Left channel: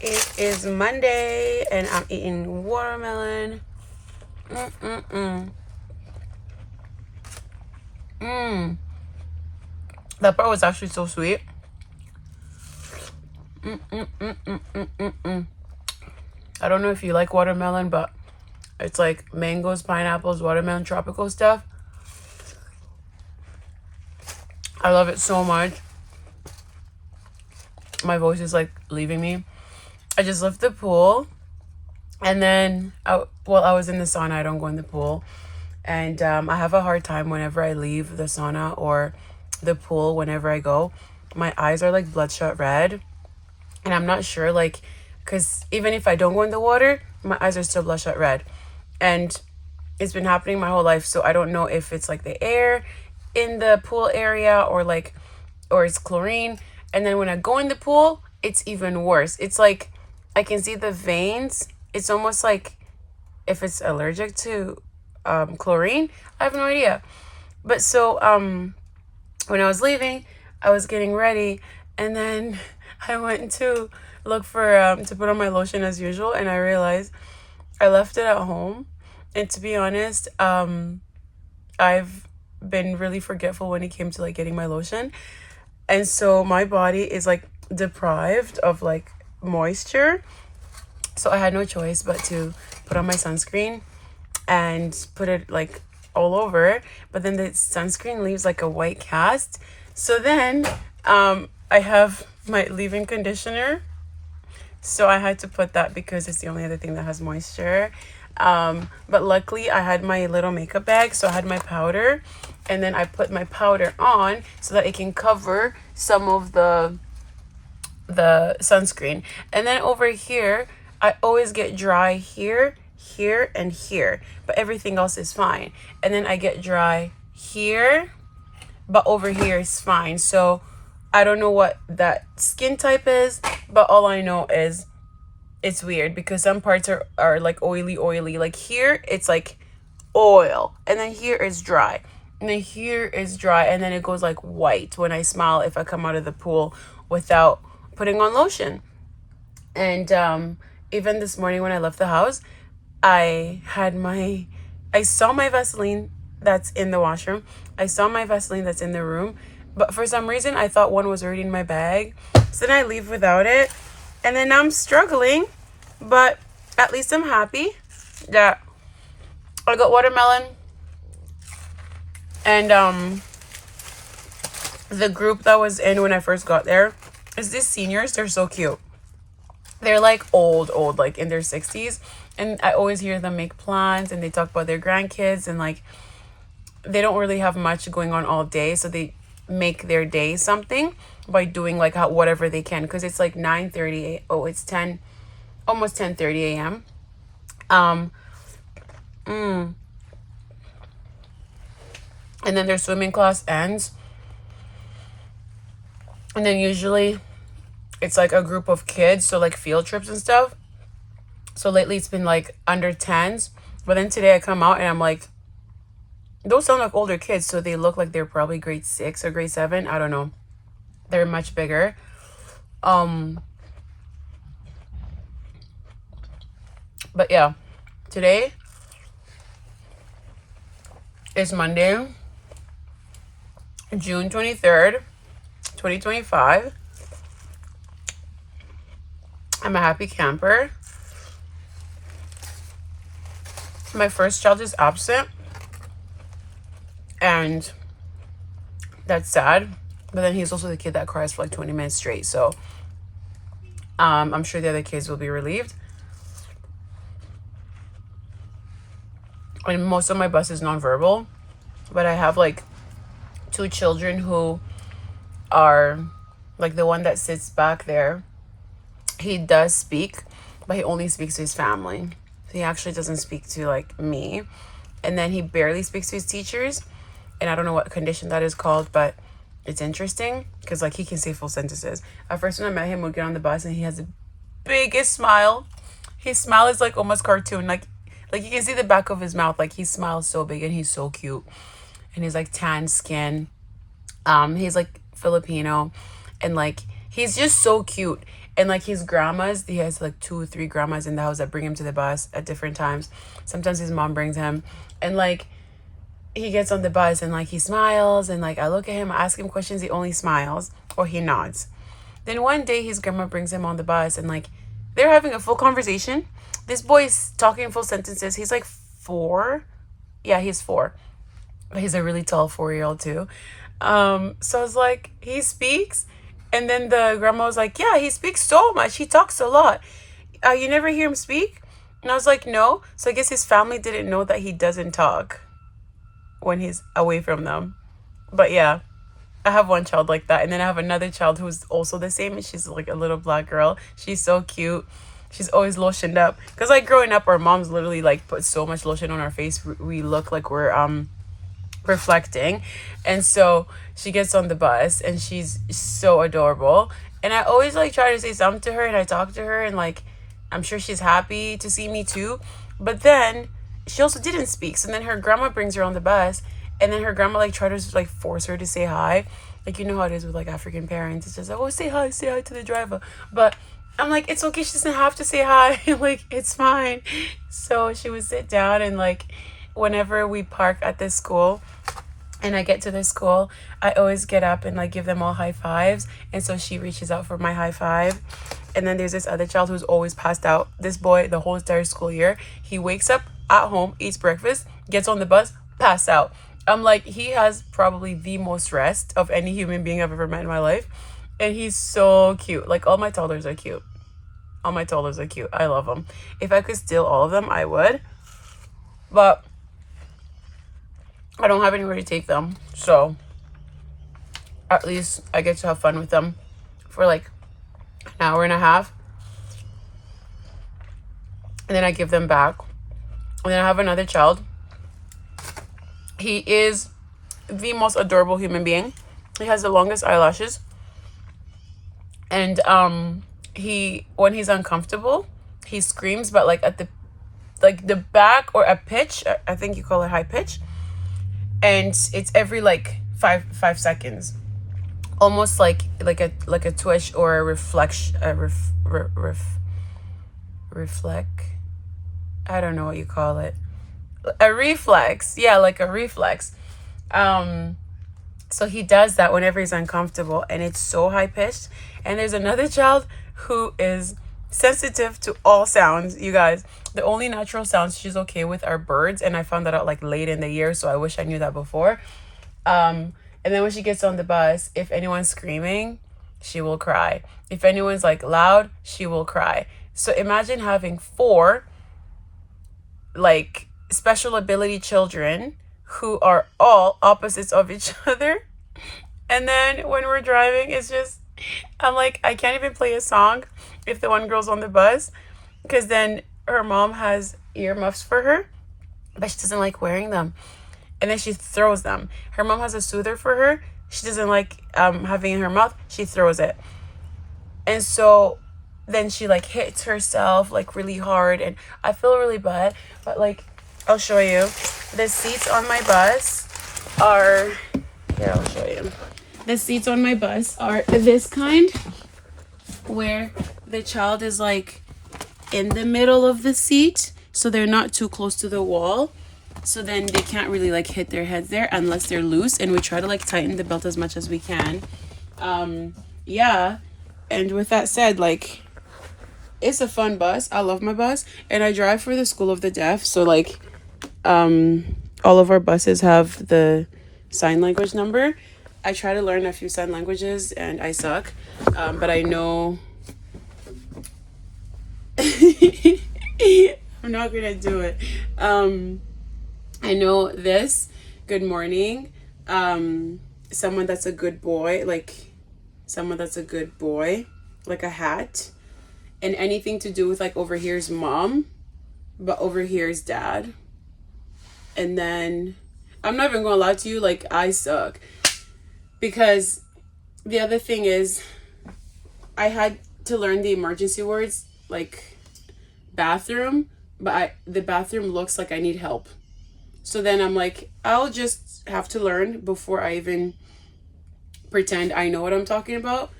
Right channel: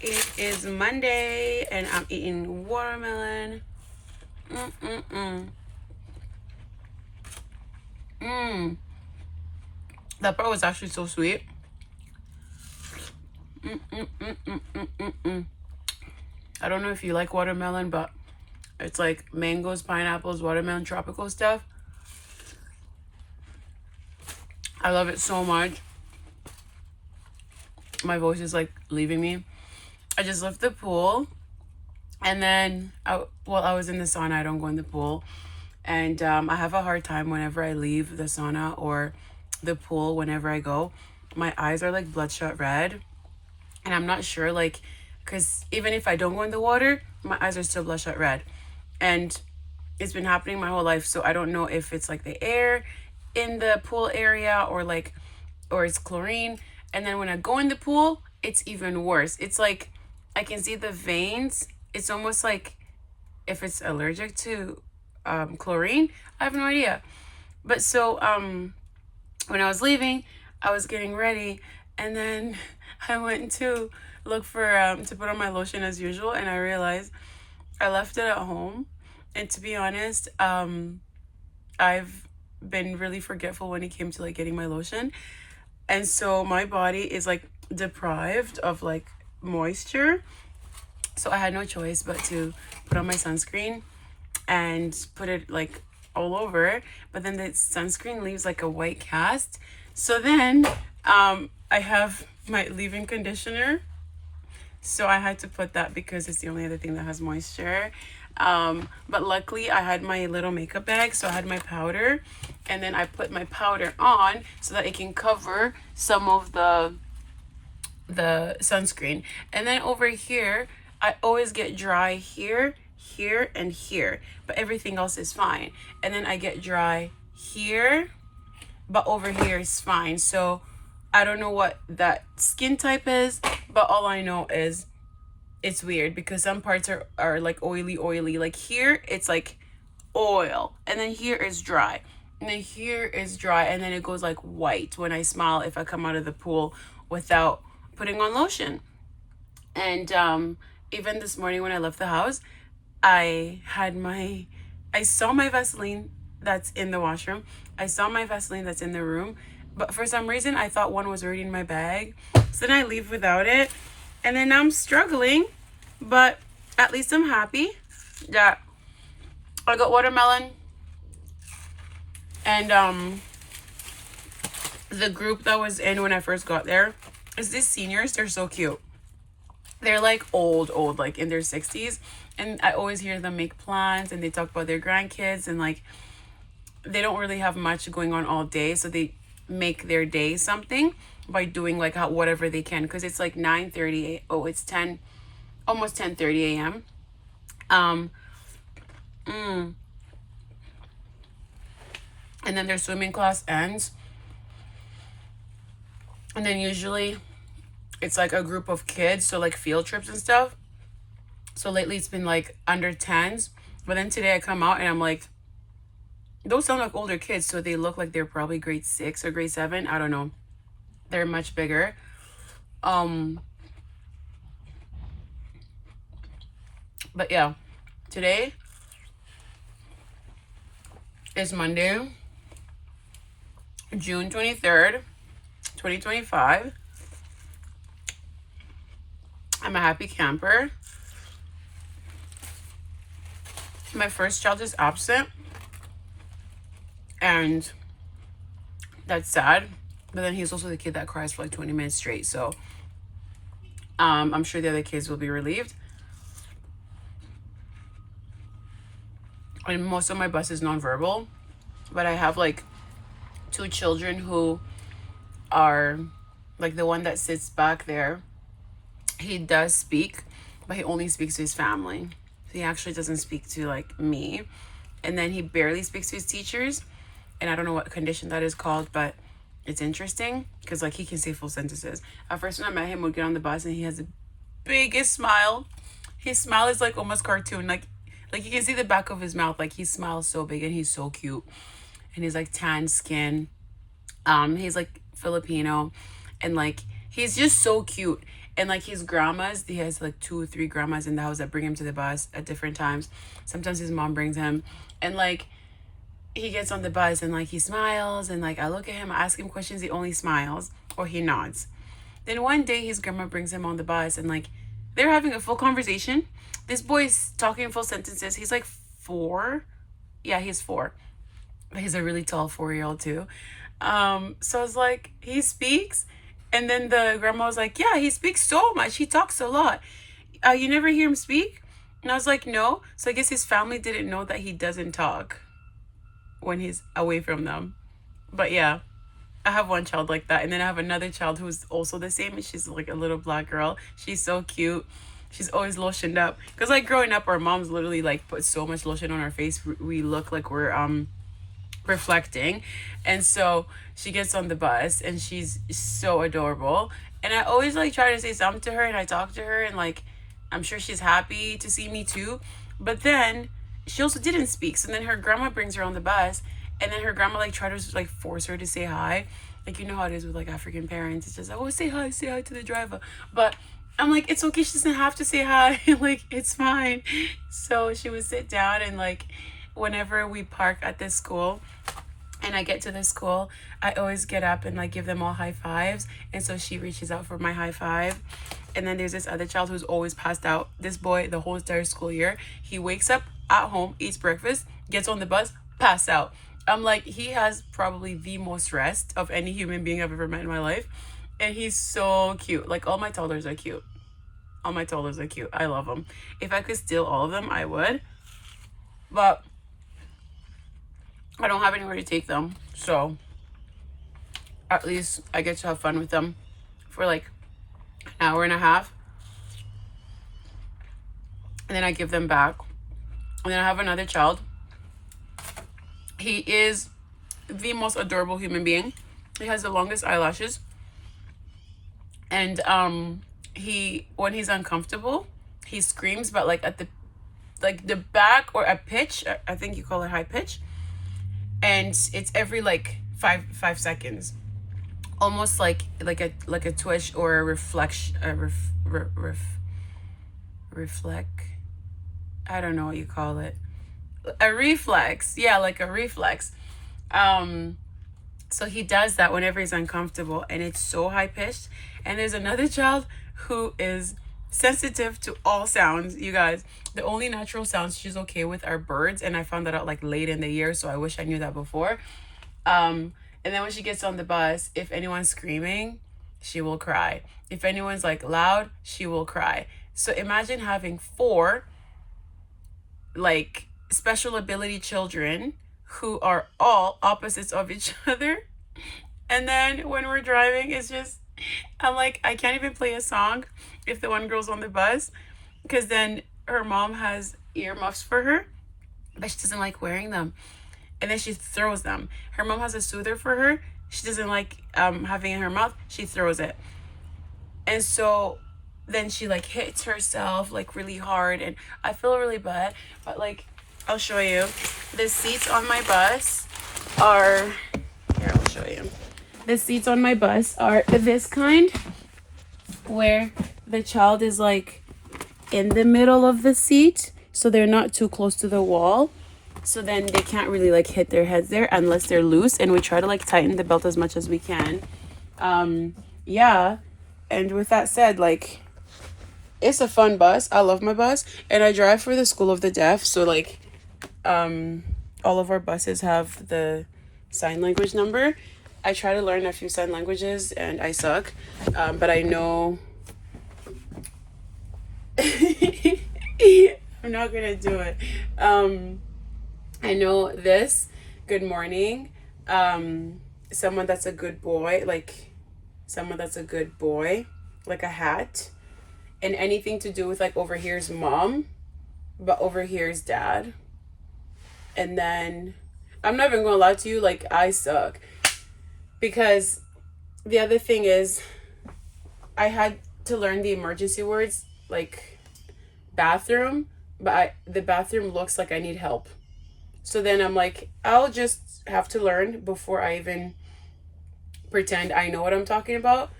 It is Monday and I'm eating watermelon. That part was actually so sweet. I don't know if you like watermelon, but it's like mangoes, pineapples, watermelon, tropical stuff. I love it so much. My voice is like leaving me. I just left the pool, and then while I was in the sauna, I don't go in the pool, and I have a hard time whenever I leave the sauna or the pool. Whenever I go, my eyes are like bloodshot red, and I'm not sure, like, because even if I don't go in the water, my eyes are still bloodshot red, and it's been happening my whole life. So I don't know if it's like the air in the pool area or it's chlorine. And then when I go in the pool, it's even worse. It's like I can see the veins. It's almost like if it's allergic to chlorine. I have no idea. But so when I was leaving, I was getting ready, and then I went to look for to put on my lotion as usual, and I realized I left it at home. And to be honest, I've been really forgetful when it came to like getting my lotion. And so my body is like deprived of like moisture. So I had no choice but to put on my sunscreen and put it like all over. But then the sunscreen leaves like a white cast. So then I have my leave-in conditioner. So I had to put that because it's the only other thing that has moisture. But luckily I had my little makeup bag, so I had my powder, and then I put my powder on so that it can cover some of the sunscreen. And then over here, I always get dry here, here, and here, but everything else is fine. And then I get dry here, but over here is fine. So I don't know what that skin type is, but all I know is it's weird because some parts are like oily. Like here, it's like oil, and then here is dry, and then here is dry, and then it goes like white when I smile if I come out of the pool without putting on lotion. And even this morning when I left the house, I saw my Vaseline that's in the washroom. I saw my Vaseline that's in the room, but for some reason I thought one was already in my bag. So then I leave without it, and then I'm struggling, but at least I'm happy that I got watermelon. And the group that was in when I first got there is these seniors. They're so cute. They're like old, like in their 60s. And I always hear them make plans, and they talk about their grandkids, and like they don't really have much going on all day. So they make their day something by doing like whatever they can, because it's like 9:30. Oh, it's 10, almost 10:30 a.m. And then their swimming class ends, and then usually it's like a group of kids, so like field trips and stuff. So lately it's been like under 10s, but then today I come out and I'm like, those sound like older kids, so they look like they're probably grade 6 or grade 7. I don't know. They're much bigger. But yeah, today is Monday, June 23rd, 2025. I'm a happy camper. My first child is absent, and that's sad. But then he's also the kid that cries for like 20 minutes straight. So I'm sure the other kids will be relieved. And most of my bus is nonverbal, but I have like 2 children who are like the one that sits back there. He does speak, but he only speaks to his family. So he actually doesn't speak to like me. And then he barely speaks to his teachers. And I don't know what condition that is called, but it's interesting because like he can say full sentences. At first when I met him, we'd get on the bus and he has the biggest smile. His smile is like almost cartoon. Like you can see the back of his mouth. Like he smiles so big, and he's so cute. And he's like tan skin. He's like Filipino, and like he's just so cute. And like his grandmas, he has like 2 or 3 grandmas in the house that bring him to the bus at different times. Sometimes his mom brings him, and like he gets on the bus and like he smiles, and like I look at him, I ask him questions, he only smiles or he nods. Then one day his grandma brings him on the bus, and like they're having a full conversation. This boy is talking full sentences. He's like 4. Yeah, he's 4. He's a really tall 4-year-old too. So it's like he speaks, and then the grandma was like, yeah, he speaks so much, he talks a lot. You never hear him speak? And I was like, no. So I guess his family didn't know that he doesn't talk when he's away from them. But yeah, I have one child like that, and then I have another child who's also the same, and she's like a little black girl. She's so cute. She's always lotioned up, because like growing up, our moms literally like put so much lotion on our face, we look like we're reflecting. And so she gets on the bus and she's so adorable, and I always like try to say something to her, and I talk to her, and like I'm sure she's happy to see me too. But then she also didn't speak, so then her grandma brings her on the bus, and then her grandma like tried to like force her to say hi, like you know how it is with like African parents. It's just like, oh, say hi to the driver. But I'm like, it's okay, she doesn't have to say hi. Like it's fine. So she would sit down, and like whenever we park at this school and I get to the school, I always get up and like give them all high fives. And so she reaches out for my high five. And then there's this other child who's always passed out. This boy, the whole entire school year, he wakes up at home, eats breakfast, gets on the bus, pass out. I'm like, he has probably the most rest of any human being I've ever met in my life. And he's so cute. Like all my toddlers are cute. All my toddlers are cute. I love them. If I could steal all of them, I would. But I don't have anywhere to take them, so at least I get to have fun with them for like an hour and a half, and then I give them back. And then I have another child. He is the most adorable human being. He has the longest eyelashes, and he, when he's uncomfortable, he screams, but like at the back, or a pitch, I think you call it high pitch. And it's every like five seconds, almost like a twitch or a reflection, reflect. I don't know what you call it. A reflex, yeah, like a reflex. So he does that whenever he's uncomfortable, and it's so high pitched. And there's another child who is sensitive to all sounds, you guys. The only natural sounds she's okay with are birds, and I found that out like late in the year, so I wish I knew that before. And then when she gets on the bus, if anyone's screaming, she will cry. If anyone's like loud, she will cry. So imagine having 4 like special ability children who are all opposites of each other. And then when we're driving, it's just, I'm like, I can't even play a song if the one girl's on the bus, because then her mom has earmuffs for her, but she doesn't like wearing them, and then she throws them. Her mom has a soother for her. She doesn't like having it in her mouth. She throws it. And so then she like hits herself like really hard, and I feel really bad. But like, I'll show you. The seats on my bus are, here, I'll show you. The seats on my bus are this kind, where the child is like in the middle of the seat, so they're not too close to the wall, so then they can't really like hit their heads there unless they're loose. And we try to like tighten the belt as much as we can. Yeah, and with that said, like, it's a fun bus. I love my bus, and I drive for the School of the Deaf, so like all of our buses have the sign language number. I try to learn a few sign languages, and I suck, but I know I'm not gonna do it. I know this, good morning, someone that's a good boy, like someone that's a good boy, like a hat, and anything to do with like over here's mom, but over here's dad. And then I'm not even gonna lie to you, like I suck, because the other thing is I had to learn the emergency words, like bathroom, but the bathroom looks like I need help. So then I'm like, I'll just have to learn before I even pretend I know what I'm talking about.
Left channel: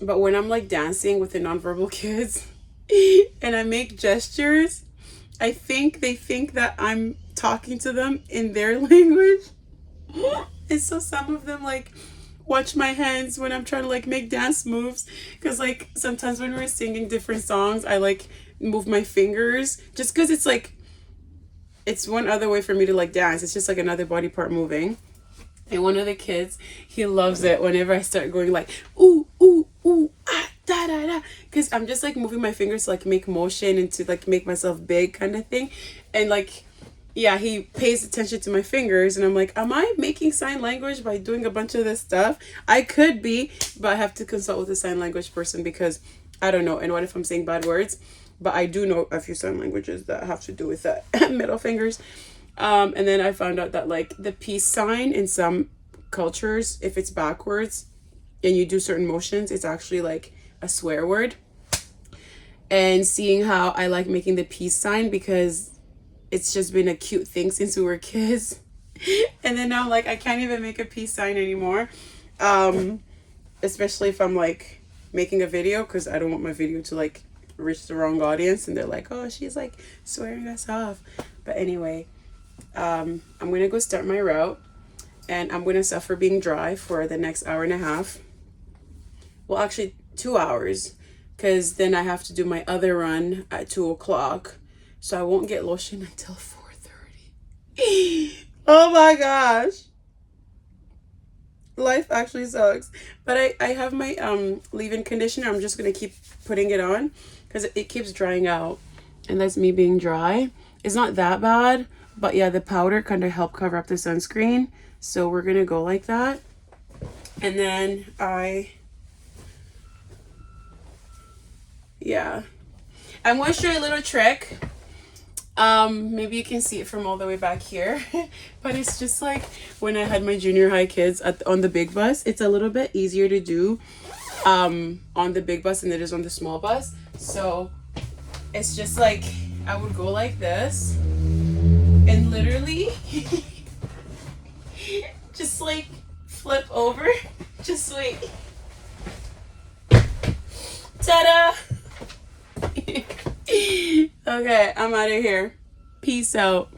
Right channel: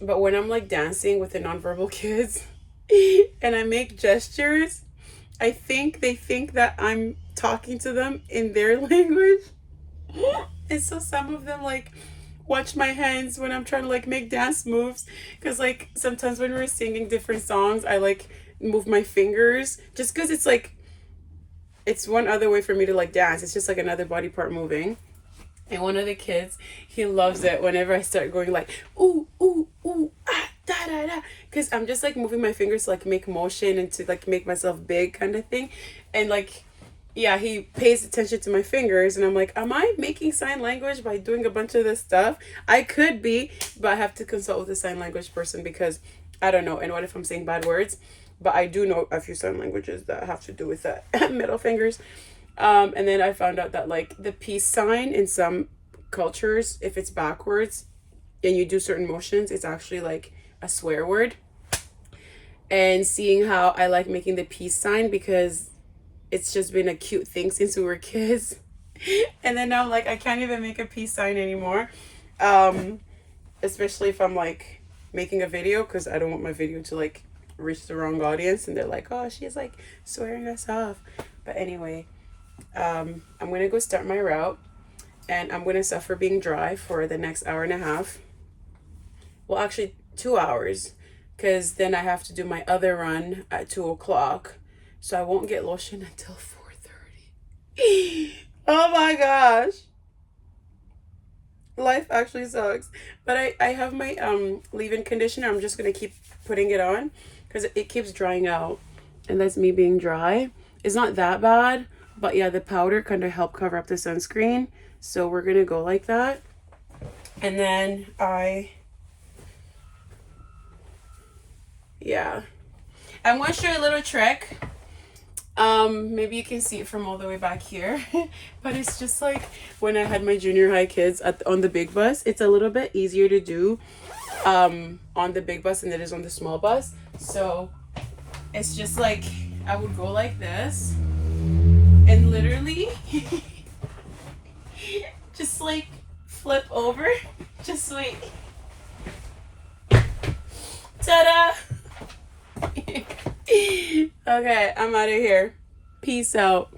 But when I'm like dancing with the nonverbal kids and I make gestures, I think they think that I'm talking to them in their language. And so some of them like watch my hands when I'm trying to like make dance moves, because like sometimes when we're singing different songs I like move my fingers just because it's like it's one other way for me to like dance. It's just like another body part moving. And one of the kids, he loves it whenever I start going like ooh ooh ooh ah da da da, because I'm just like moving my fingers to like make motion and to like make myself big kind of thing. And like, yeah, he pays attention to my fingers and I'm like, am I making sign language by doing a bunch of this stuff? I could be, but I have to consult with a sign language person because I don't know. And what if I'm saying bad words? But I do know a few sign languages that have to do with that middle fingers. And then I found out that like the peace sign in some cultures, if it's backwards and you do certain motions, it's actually like a swear word. And seeing how I like making the peace sign because it's just been a cute thing since we were kids. And then now I'm like, I can't even make a peace sign anymore. Especially if I'm like making a video, because I don't want my video to like reach the wrong audience and they're like, oh, she's like swearing us off. But anyway, I'm gonna go start my route and I'm gonna suffer being dry for the next hour and a half. Well, actually 2 hours, because then I have to do my other run at 2 o'clock. So I won't get lotion until 4:30. Oh my gosh. Life actually sucks. But I have my leave-in conditioner. I'm just gonna keep putting it on because it keeps drying out. And that's me being dry. It's not that bad, but yeah, the powder kind of helped cover up the sunscreen. So we're gonna go like that. And then yeah. I'm gonna show you a little trick. Maybe you can see it from all the way back here, but it's just like when I had my junior high kids on the big bus. It's a little bit easier to do on the big bus than it is on the small bus. So it's just like I would go like this and literally just like flip over. Just wait. Ta-da! Okay, I'm out of here. Peace out.